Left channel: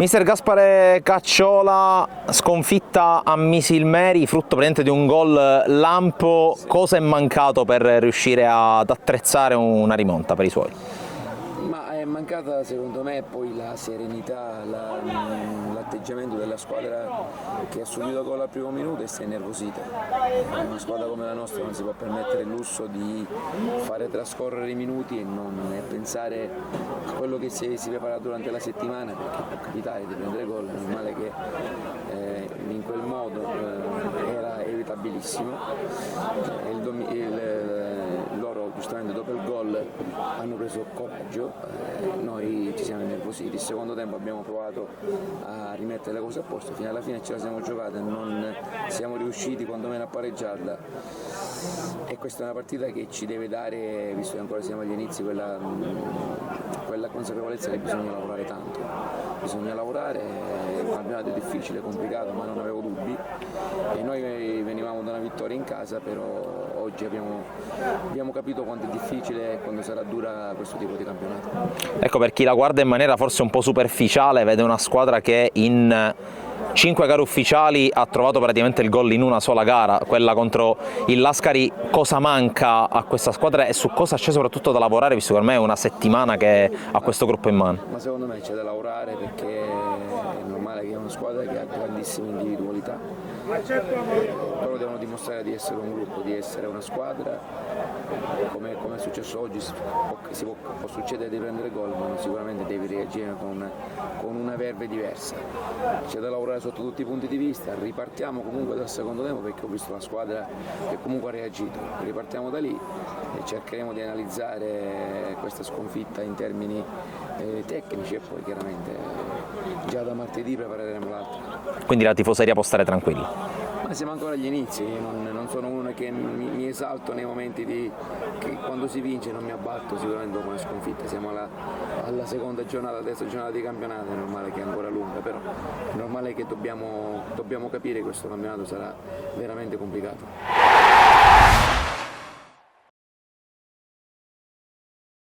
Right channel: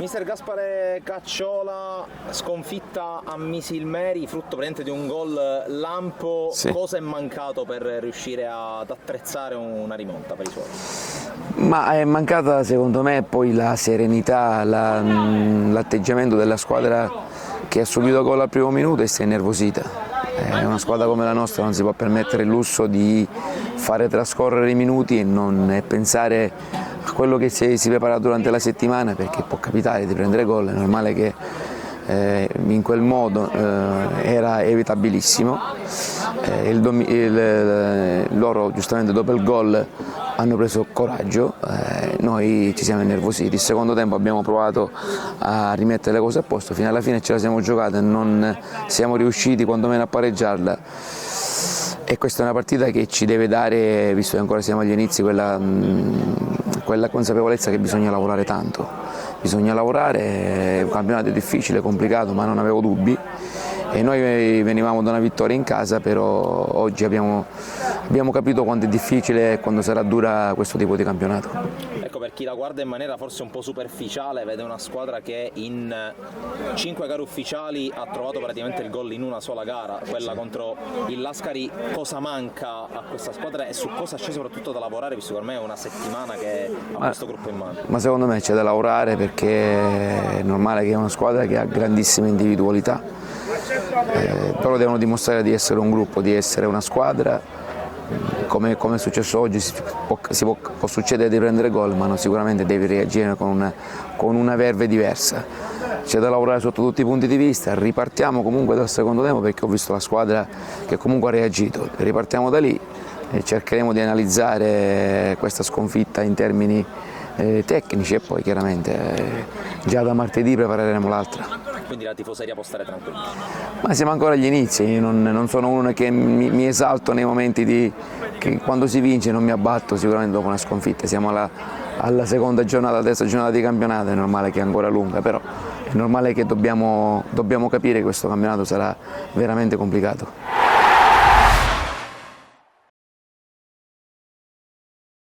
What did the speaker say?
Mister Gaspare Cacciola, sconfitta a Misilmeri, frutto praticamente di un gol lampo. Sì. Cosa è mancato per riuscire ad attrezzare una rimonta per i suoi? Ma è mancata secondo me poi la serenità, l'atteggiamento della squadra che ha subito gol al primo minuto e si è innervosita. Una squadra come la nostra non si può permettere il lusso di fare trascorrere i minuti e pensare a quello che si prepara durante la settimana, perché può capitare di prendere gol, è normale che in quel modo era evitabilissimo. Loro giustamente dopo il gol hanno preso coraggio, noi ci siamo innervositi. Il secondo tempo abbiamo provato a rimettere le cose a posto, fino alla fine ce la siamo giocata e non siamo riusciti quantomeno a pareggiarla. E questa è una partita che ci deve dare, visto che ancora siamo agli inizi, quella consapevolezza che bisogna lavorare tanto. Bisogna lavorare, è un campionato difficile, complicato, ma non avevo dubbi. E noi venivamo da una vittoria in casa, però oggi abbiamo capito quanto è difficile e quanto sarà dura questo tipo di campionato. Ecco, per chi la guarda in maniera forse un po' superficiale, vede una squadra che in 5 gare ufficiali ha trovato praticamente il gol in una sola gara, quella contro il Lascari. Cosa manca a questa squadra e su cosa c'è soprattutto da lavorare, visto che ormai è una settimana che ha questo gruppo in mano? Ma secondo me c'è da lavorare, perché è normale che è una squadra che ha grandissime individualità. Loro devono dimostrare di essere un gruppo, di essere una squadra. Come è successo oggi, può succedere di prendere gol, ma sicuramente devi reagire con una verve diversa. C'è da lavorare sotto tutti i punti di vista. Ripartiamo comunque dal secondo tempo, perché ho visto la squadra che comunque ha reagito. Ripartiamo da lì e cercheremo di analizzare questa sconfitta in termini tecnici e poi chiaramente già da martedì prepareremo l'altra. Quindi la tifoseria può stare tranquilla? Ma siamo ancora agli inizi, io non sono uno che mi esalto nei momenti che quando si vince, non mi abbatto sicuramente dopo una sconfitta. Siamo alla seconda giornata, la terza giornata di campionato, è normale che è ancora lunga, però è normale che dobbiamo capire che questo campionato sarà veramente complicato.